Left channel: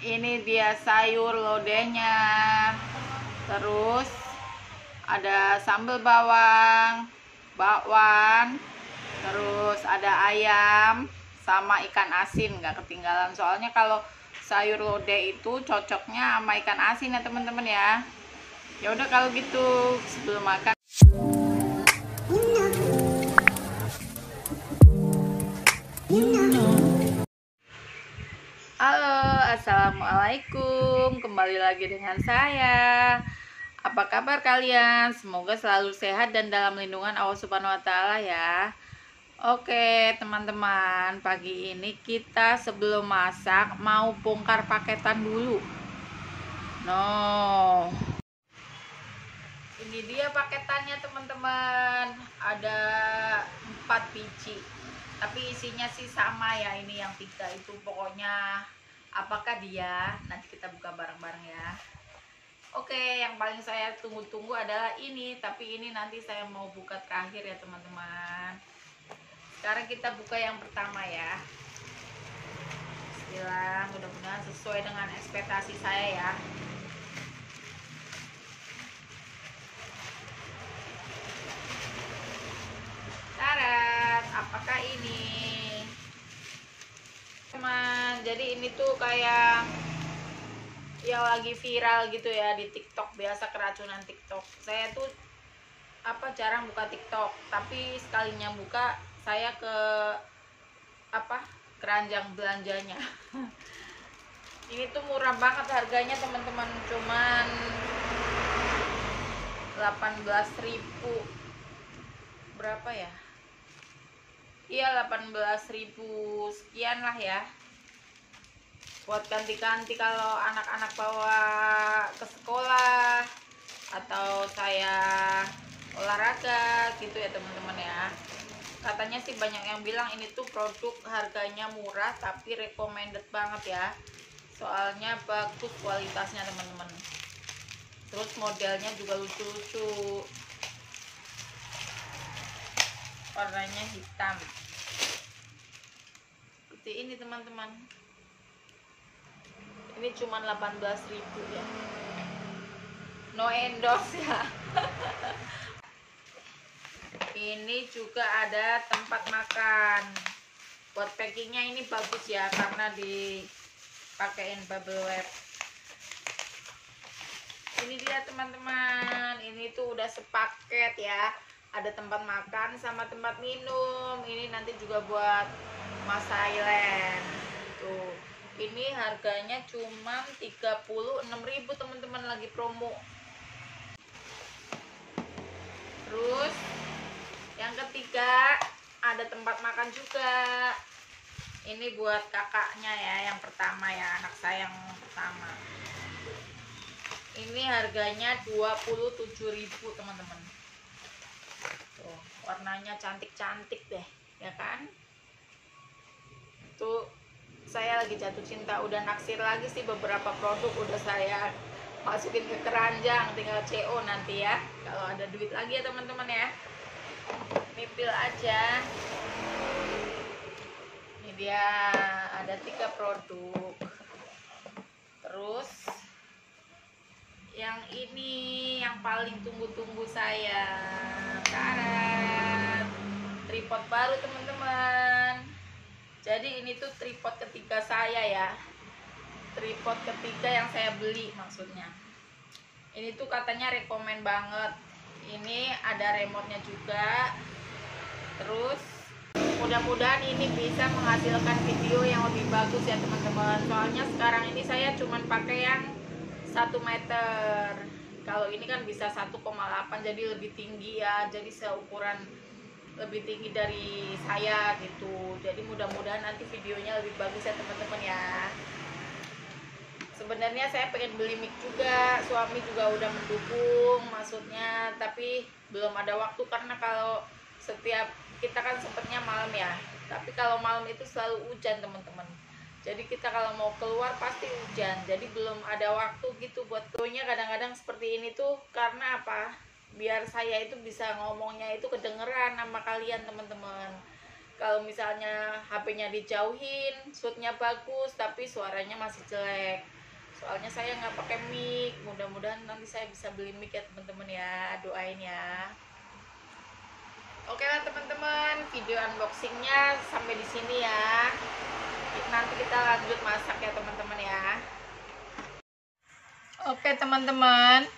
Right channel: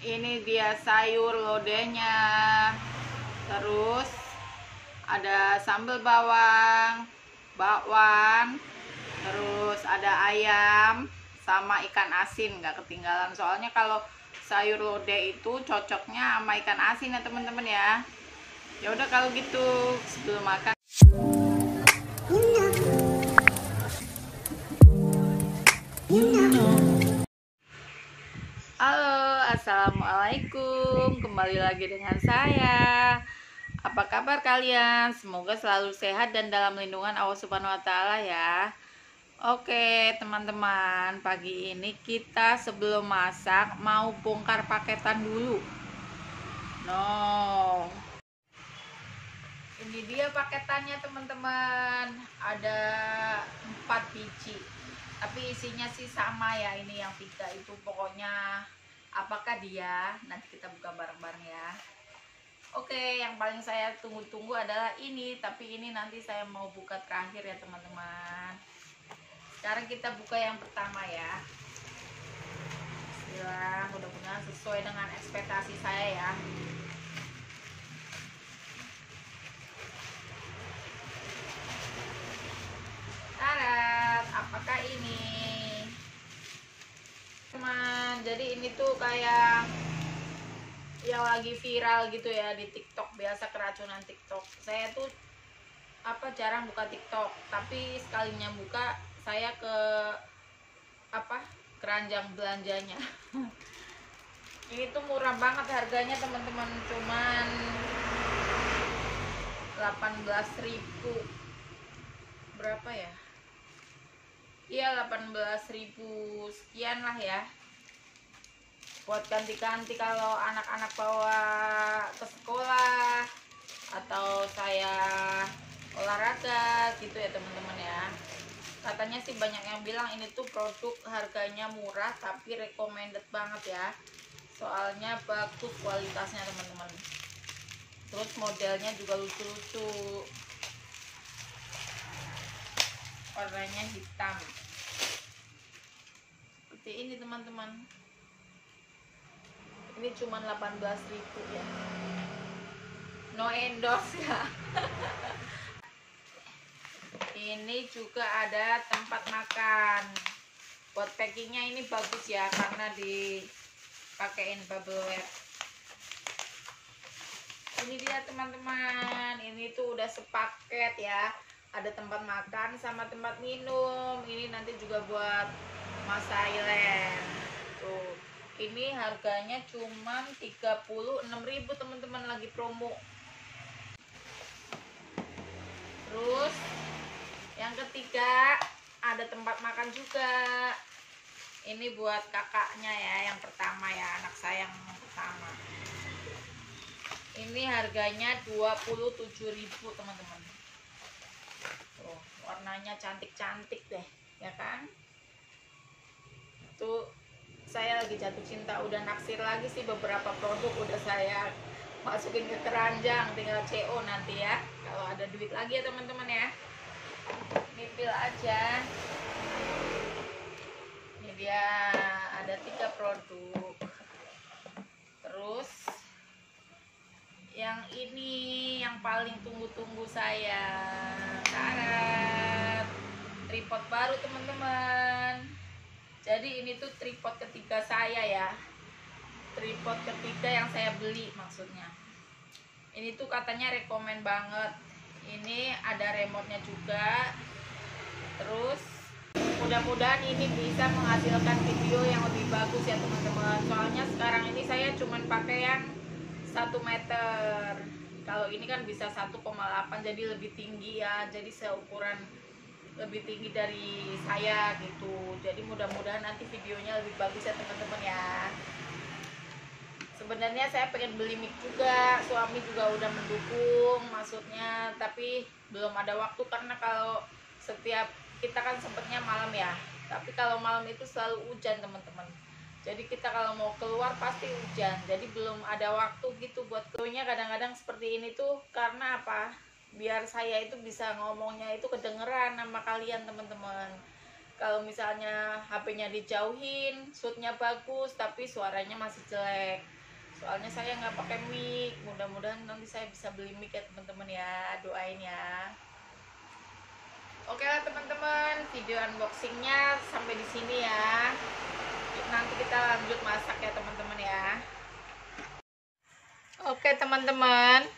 Ini dia sayur lodehnya. Terus ada sambal bawang, bakwan, terus ada ayam sama ikan asin, nggak ketinggalan. Soalnya kalau sayur lodeh itu cocoknya sama ikan asin ya teman-teman ya. Ya udah kalau gitu sebelum makan. Halo, assalamualaikum. Kembali lagi dengan saya. Apa kabar kalian? Semoga selalu sehat dan dalam lindungan Allah Subhanahu wa Ta'ala ya. Oke, teman-teman, pagi ini kita sebelum masak mau bongkar paketan dulu. No. Ini dia paketannya, teman-teman. Ada 4 biji. Tapi isinya sih sama ya, ini yang 3 itu pokoknya apakah dia? Nanti kita buka bareng-bareng ya. Oke, yang paling saya tunggu-tunggu adalah ini, tapi ini nanti saya mau buka terakhir ya teman-teman. Sekarang kita buka yang pertama ya. Bismillah, mudah-mudahan sesuai dengan ekspektasi saya ya. Tarat, apakah ini? Teman, jadi ini tuh kayak yang lagi viral gitu ya di TikTok, biasa keracunan TikTok. Saya tuh jarang buka TikTok, tapi sekalinya buka saya ke keranjang belanjanya. Ini tuh murah banget harganya teman-teman, cuman 18.000. Berapa ya? Iya, 18.000 sekian lah ya. Buat ganti-ganti kalau anak-anak bawa ke sekolah atau saya olahraga gitu ya teman-teman ya. Katanya sih banyak yang bilang ini tuh produk harganya murah tapi recommended banget ya. Soalnya bagus kualitasnya teman-teman. Terus modelnya juga lucu-lucu. Warnanya hitam. Seperti ini teman-teman. Ini cuma 18.000 ya. No endorse ya. Ini juga ada tempat makan. Buat packingnya ini bagus ya, karena dipakein bubble wrap. Ini dia teman-teman. Ini tuh udah sepaket ya. Ada tempat makan sama tempat minum. Ini nanti juga buat Mas Thailand. Tuh. Ini harganya cuma 36.000 teman-teman, lagi promo. Terus yang ketiga ada tempat makan juga. Ini buat kakaknya ya, yang pertama ya, anak saya yang pertama. Ini harganya 27.000 teman-teman. Tuh, warnanya cantik-cantik deh, ya kan? Tuh, saya lagi jatuh cinta, udah naksir lagi sih, beberapa produk udah saya masukin ke keranjang, tinggal CO nanti ya kalau ada duit lagi ya teman-teman ya. Mipil aja. Ini dia, ada 3 produk. Terus yang ini yang paling tunggu-tunggu saya, karet tripod baru teman-teman. Jadi ini tuh tripod ketiga saya ya, tripod ketiga yang saya beli maksudnya. Ini tuh katanya rekomen banget. Ini ada remote-nya juga. Terus mudah-mudahan ini bisa menghasilkan video yang lebih bagus ya teman-teman. Soalnya sekarang ini saya cuman pakai yang 1 meter. Kalau ini kan bisa 1,8, jadi lebih tinggi ya. Jadi seukuran lebih tinggi dari saya gitu. Jadi mudah-mudahan nanti videonya lebih bagus ya teman-teman ya. Sebenarnya saya pengen beli mic juga, suami juga udah mendukung maksudnya, tapi belum ada waktu karena kalau setiap kita kan sempetnya malam ya. Tapi kalau malam itu selalu hujan teman-teman. Jadi kita kalau mau keluar pasti hujan. Jadi belum ada waktu gitu buat videonya. Kadang-kadang seperti ini tuh karena apa? Biar saya itu bisa ngomongnya itu kedengeran sama kalian teman-teman. Kalau misalnya HP-nya dijauhin, shootnya bagus, tapi suaranya masih jelek. Soalnya saya nggak pakai mic. Mudah-mudahan nanti saya bisa beli mic ya teman-teman ya. Doain ya. Oke lah teman-teman, video unboxingnya sampai di sini ya. Nanti kita lanjut masak ya teman-teman ya. Oke teman-teman,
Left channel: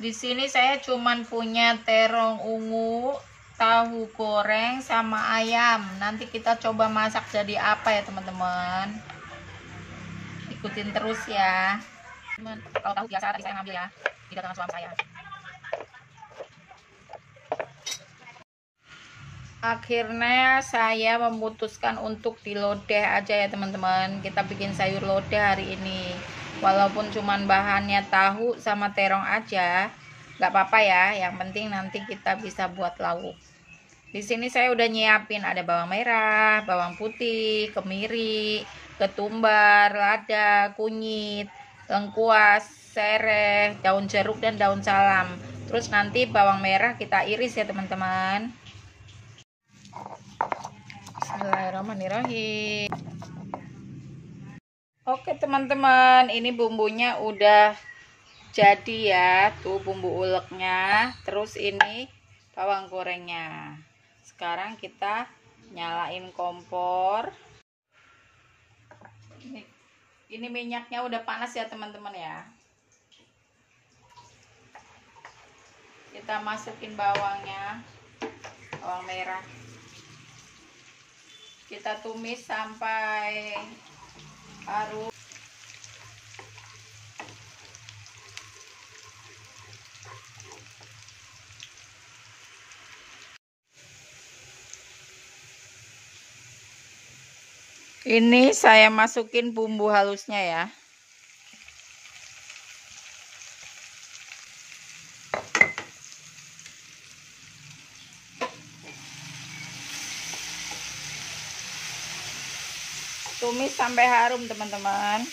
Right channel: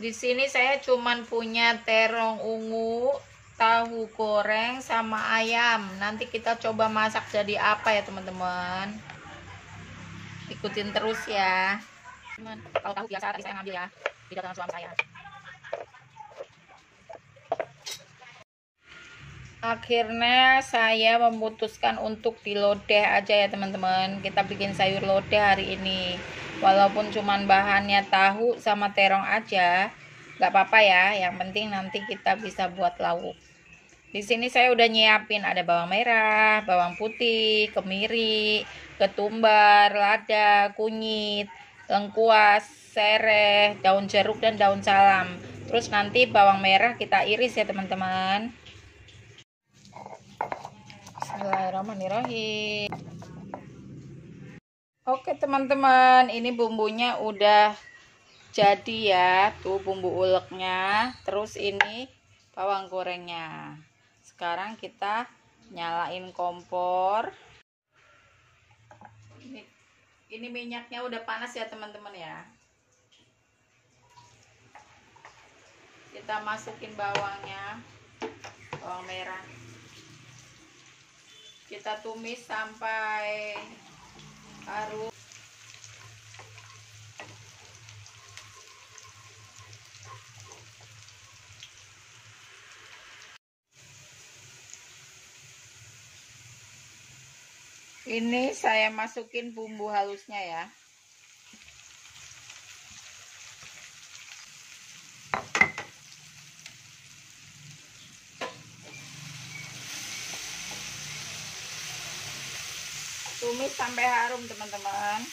di sini saya cuman punya terong ungu, tahu goreng sama ayam. Nanti kita coba masak jadi apa ya teman-teman. Ikutin terus ya. Kalau tahu biasa tadi saya ngambil ya di dagangan suami saya. Akhirnya saya memutuskan untuk di lodeh aja ya teman-teman. Kita bikin sayur lodeh hari ini. Walaupun cuman bahannya tahu sama terong aja, nggak apa-apa ya. Yang penting nanti kita bisa buat lauk. Di sini saya udah nyiapin ada bawang merah, bawang putih, kemiri, ketumbar, lada, kunyit, lengkuas, sereh, daun jeruk dan daun salam. Terus nanti bawang merah kita iris ya teman-teman. Bismillahirrahmanirrahim. Oke teman-teman, ini bumbunya udah jadi ya. Tuh bumbu uleknya. Terus ini bawang gorengnya. Sekarang kita nyalain kompor. Ini minyaknya udah panas ya teman-teman ya. Kita masukin bawangnya, bawang merah. Kita tumis sampai harum. Ini saya masukin bumbu halusnya ya. Tumis sampai harum teman-teman.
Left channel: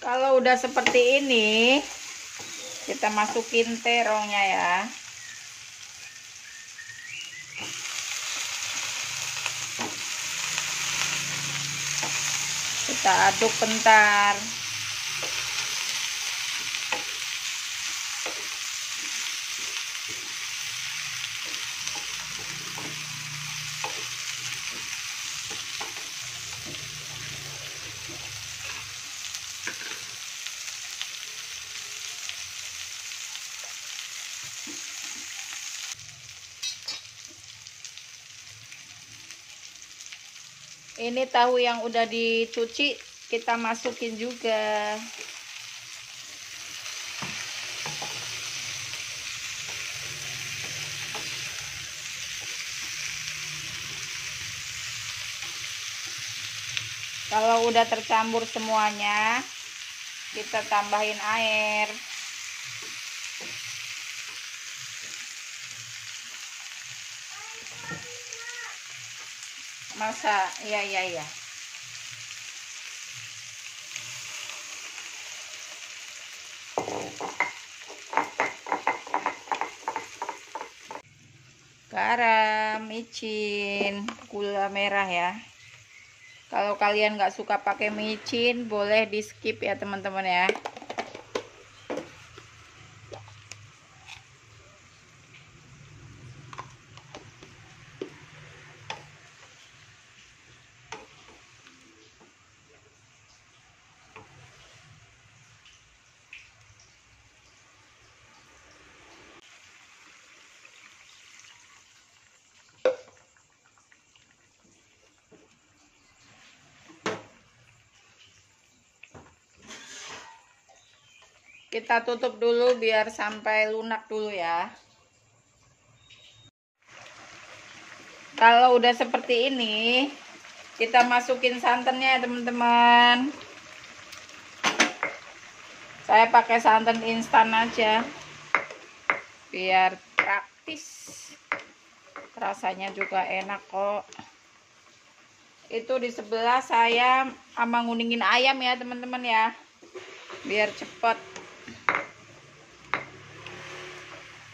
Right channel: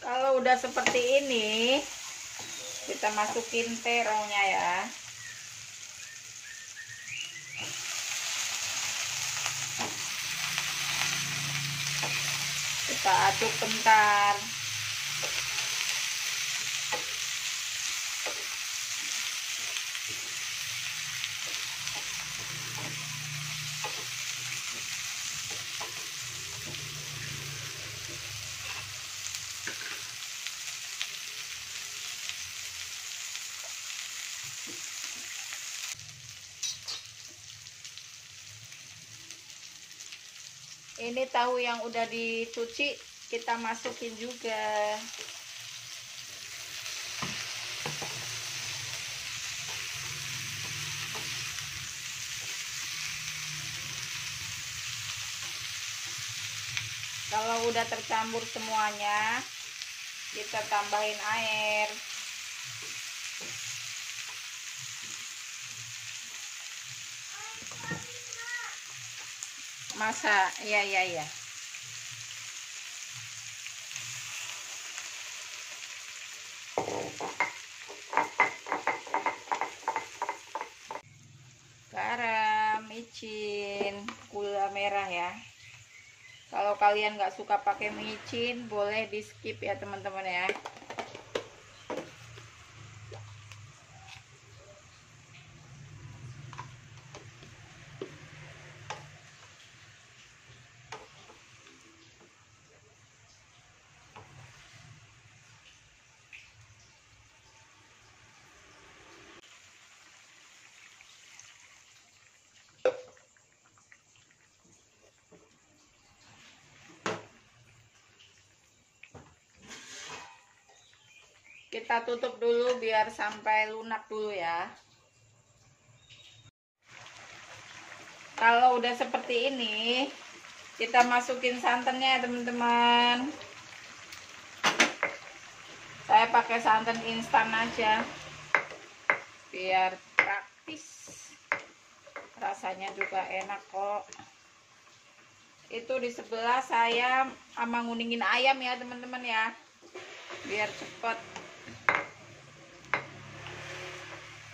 Kalau udah seperti ini, kita masukin terongnya ya. Kita aduk bentar. Ini tahu yang udah dicuci kita masukin juga. Kalau udah tercampur semuanya, kita tambahin air. Masa iya. Garam, micin, gula merah ya. Kalau kalian nggak suka pakai micin, boleh di skip ya teman-teman ya. Kita tutup dulu biar sampai lunak dulu ya. Kalau udah seperti ini, kita masukin santannya ya teman-teman. Saya pakai santan instan aja, biar praktis. Rasanya juga enak kok. Itu di sebelah saya sama nguningin ayam ya teman-teman ya, biar cepet.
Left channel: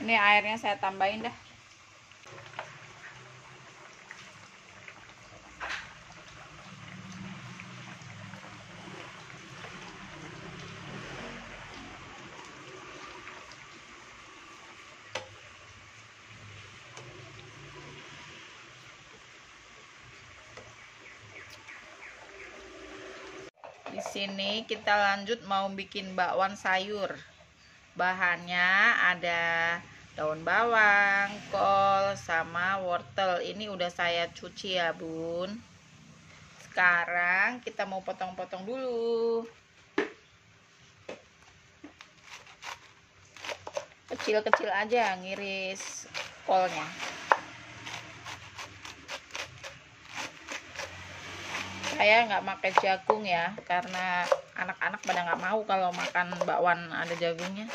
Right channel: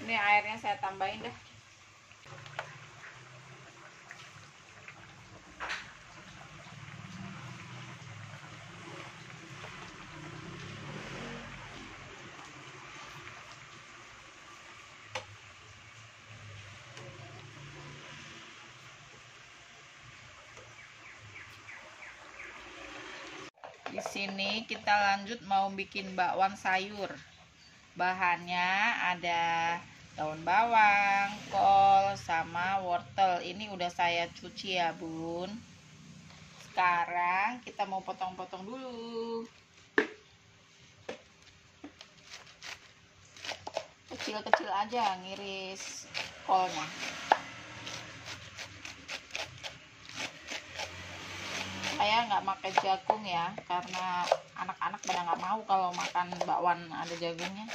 Ini airnya saya tambahin dah. sini kita lanjut mau bikin bakwan sayur. Bahannya ada daun bawang, kol, sama wortel. Ini udah saya cuci ya bun. Sekarang kita mau potong-potong dulu. Kecil-kecil aja ngiris kolnya. Saya nggak pakai jagung ya, karena anak-anak pada nggak mau kalau makan bakwan ada jagungnya.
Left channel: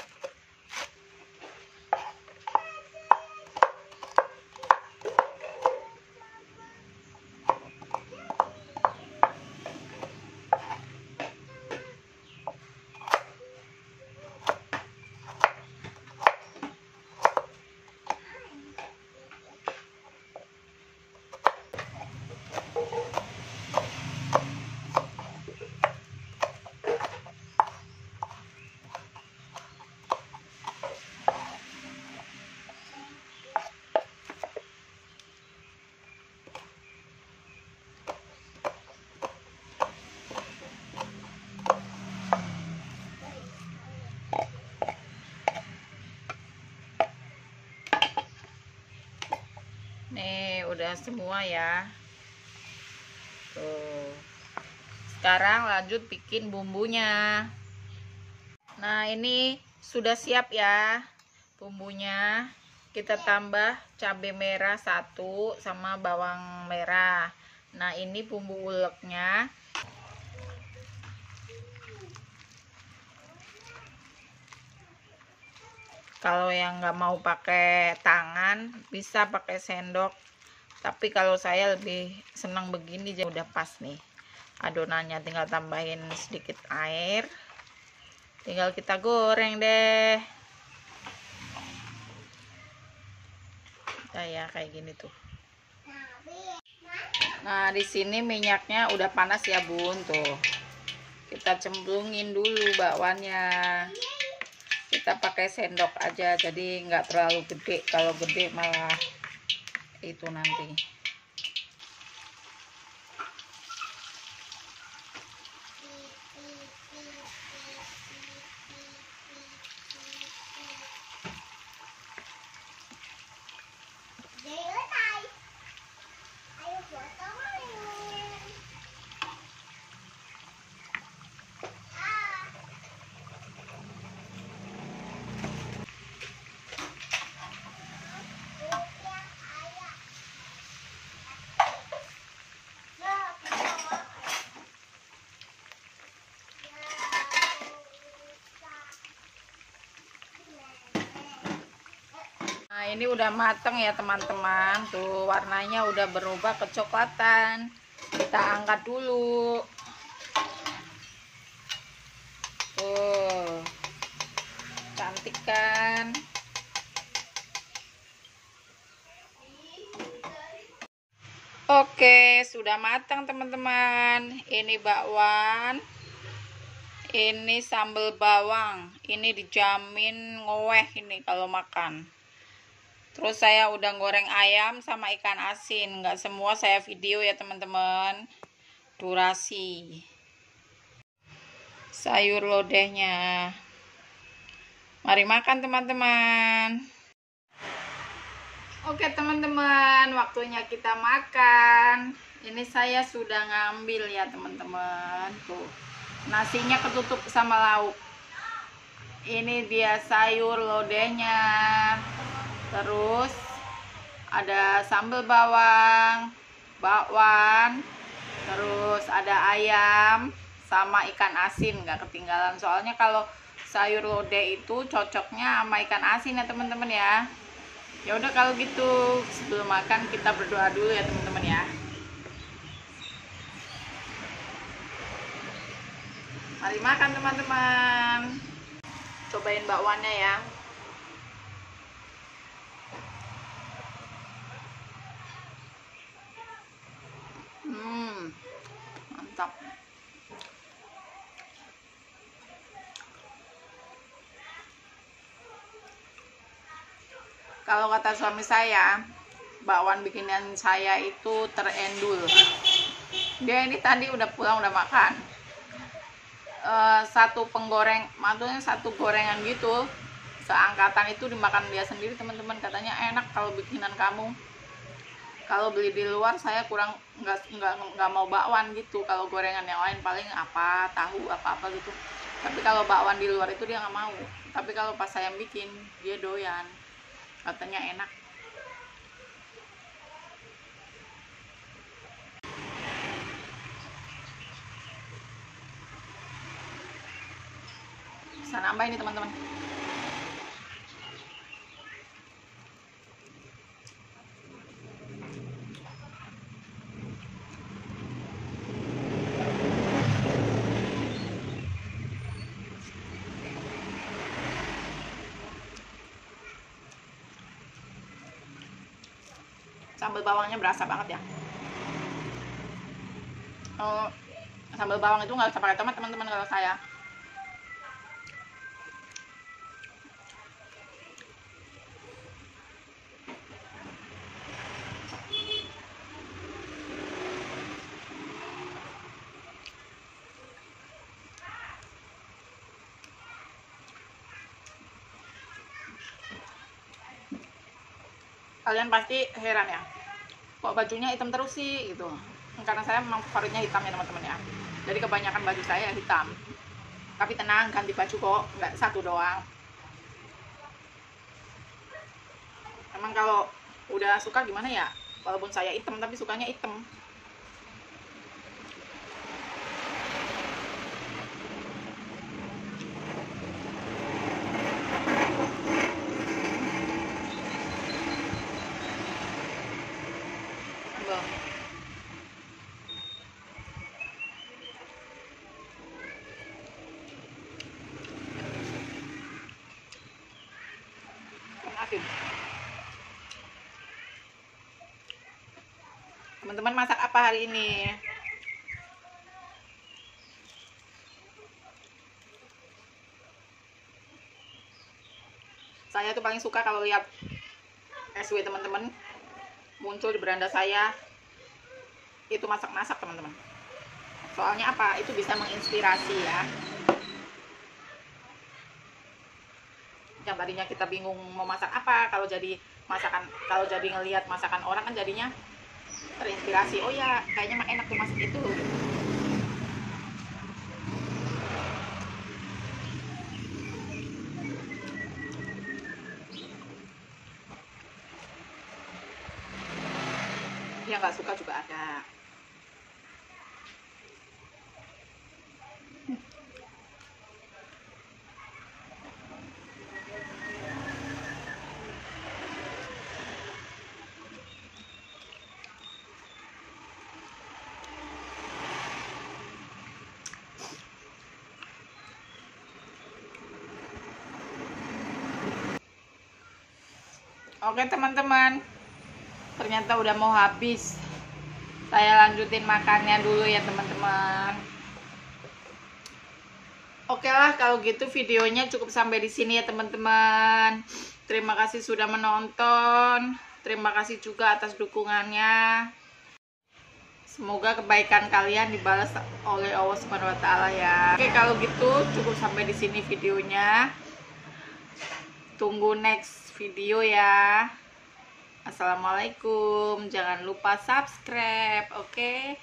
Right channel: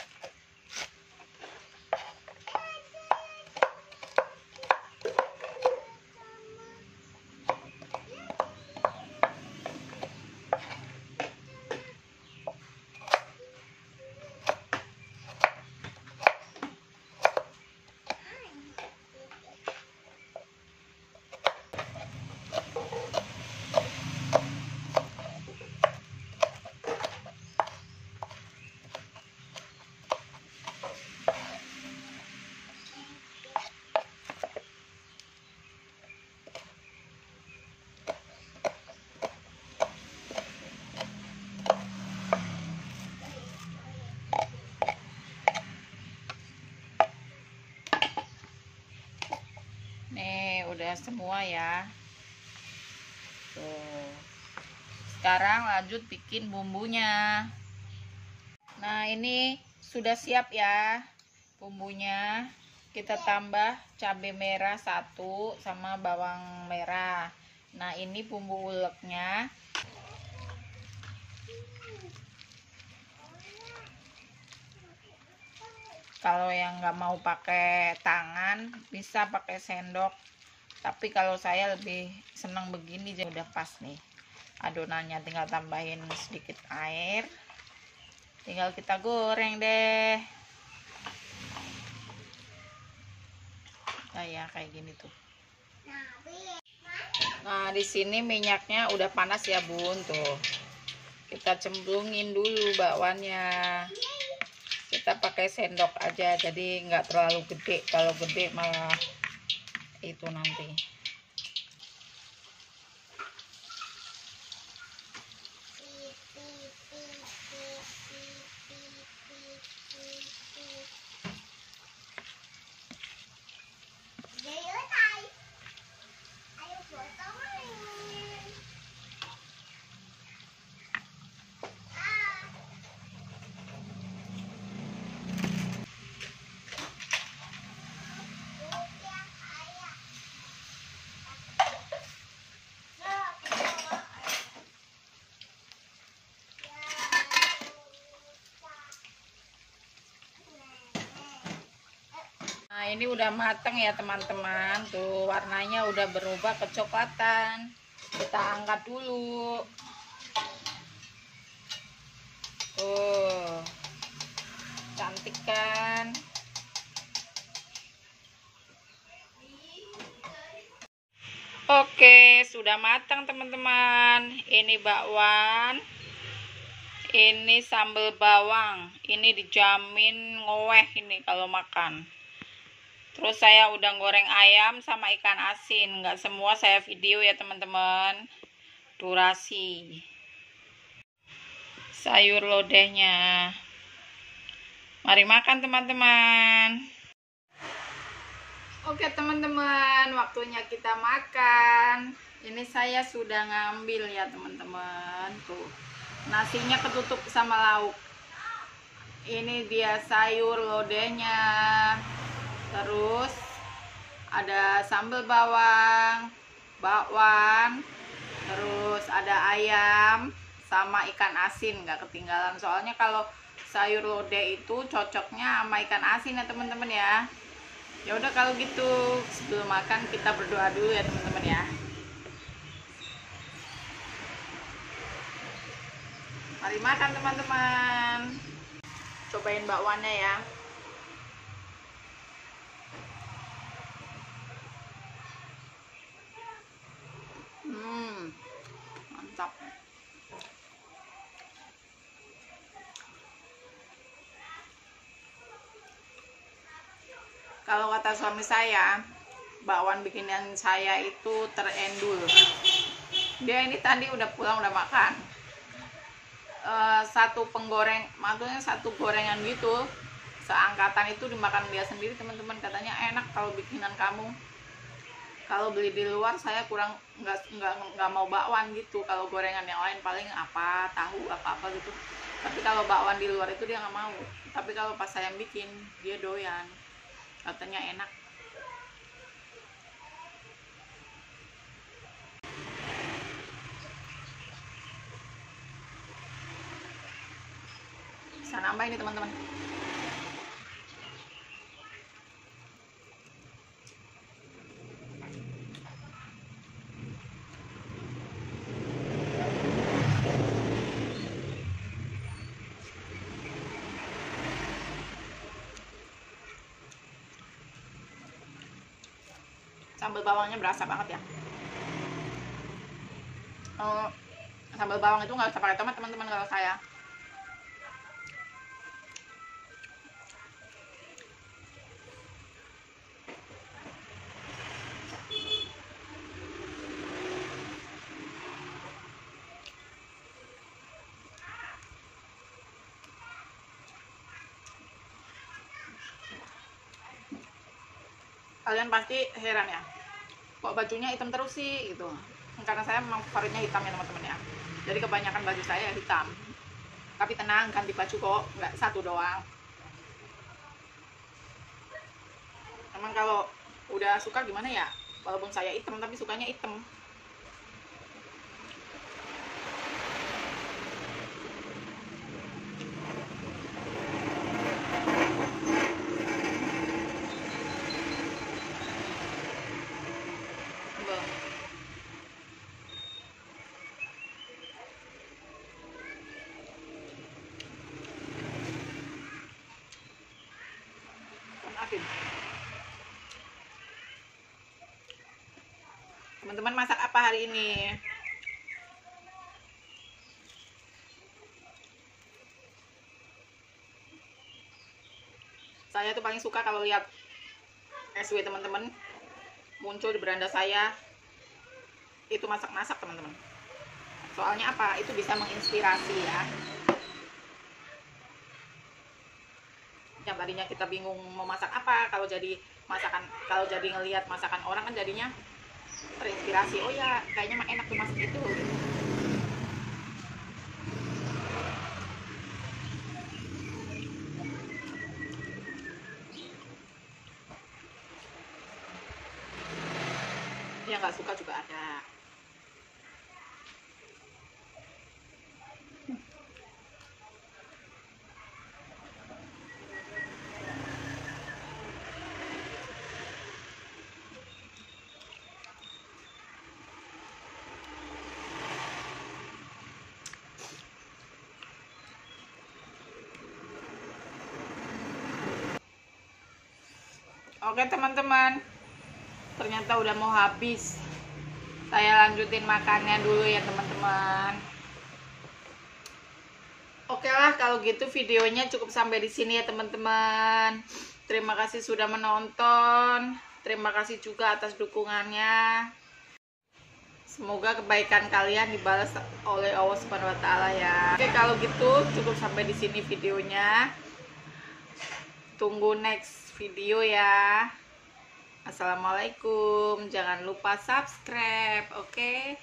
Nih udah semua ya. Tuh. Sekarang lanjut bikin bumbunya. Nah ini sudah siap ya bumbunya. Kita tambah cabai merah 1 sama bawang merah. Nah ini bumbu uleknya. Kalau yang nggak mau pakai tangan bisa pakai sendok, tapi kalau saya lebih senang begini, jadi udah pas nih adonannya. Tinggal tambahin sedikit air, tinggal kita goreng deh kayak gini tuh. Nah di sini minyaknya udah panas ya bun, tuh kita cemplungin dulu bakwannya. Kita pakai sendok aja, jadi nggak terlalu gede. Kalau gede malah itu nanti. Nah ini udah mateng ya teman-teman, tuh warnanya udah berubah kecoklatan. Kita angkat dulu. Tuh cantik kan. Oke sudah matang teman-teman. Ini bakwan, ini sambal bawang, ini dijamin ngoweh ini kalau makan. Terus saya udah goreng ayam sama ikan asin. Nggak semua saya video ya teman-teman, durasi. Sayur lodehnya, mari makan teman-teman. Oke teman-teman, waktunya kita makan. Ini saya sudah ngambil ya teman-teman. Tuh nasinya ketutup sama lauk. Ini dia sayur lodehnya. Terus ada sambal bawang, bakwan, terus ada ayam sama ikan asin, nggak ketinggalan. Soalnya kalau sayur lodeh itu cocoknya sama ikan asin ya teman-teman ya. Ya udah kalau gitu sebelum makan kita berdoa dulu ya teman-teman ya. Mari makan teman-teman. Cobain bakwannya ya. Mantap. Kalau kata suami saya, bakwan bikinan saya itu terendul. Dia ini tadi udah pulang udah makan. satu penggoreng, maksudnya satu gorengan gitu seangkatan itu dimakan dia sendiri teman-teman. Katanya enak kalau bikinan kamu. Kalau beli di luar saya kurang nggak mau bakwan gitu. Kalau gorengan yang lain paling apa tahu apa gitu. Tapi kalau bakwan di luar itu dia nggak mau. Tapi kalau pas saya bikin dia doyan. Katanya enak. Bisa nambah ini teman-teman. Sambal bawangnya berasa banget ya. Sambal bawang itu nggak usah pakai tomat teman-teman kalau saya. Kalian pasti heran ya, kok bajunya hitam terus sih gitu. Karena saya memang favoritnya hitam ya teman-teman ya. Jadi kebanyakan baju saya hitam. Tapi tenang, ganti baju kok, nggak satu doang. Emang kalau udah suka gimana ya, walaupun saya hitam tapi sukanya hitam. Teman-teman masak apa hari ini? Saya tuh paling suka kalau lihat SW teman-teman muncul di beranda saya itu masak-masak teman-teman. Soalnya apa? Itu bisa menginspirasi ya. Yang tadinya kita bingung mau masak apa, kalau jadi ngelihat masakan orang kan jadinya terinspirasi. Oh ya, kayaknya mah enak tuh masak itu. Yang nggak suka juga ada. Oke teman-teman, ternyata udah mau habis. Saya lanjutin makannya dulu ya teman-teman. Oke lah kalau gitu videonya cukup sampai di sini ya teman-teman. Terima kasih sudah menonton. Terima kasih juga atas dukungannya. Semoga kebaikan kalian dibalas oleh Allah Subhanahu wa taala ya. Oke, kalau gitu cukup sampai di sini videonya. Tunggu next video ya. Assalamualaikum. Jangan lupa subscribe, oke?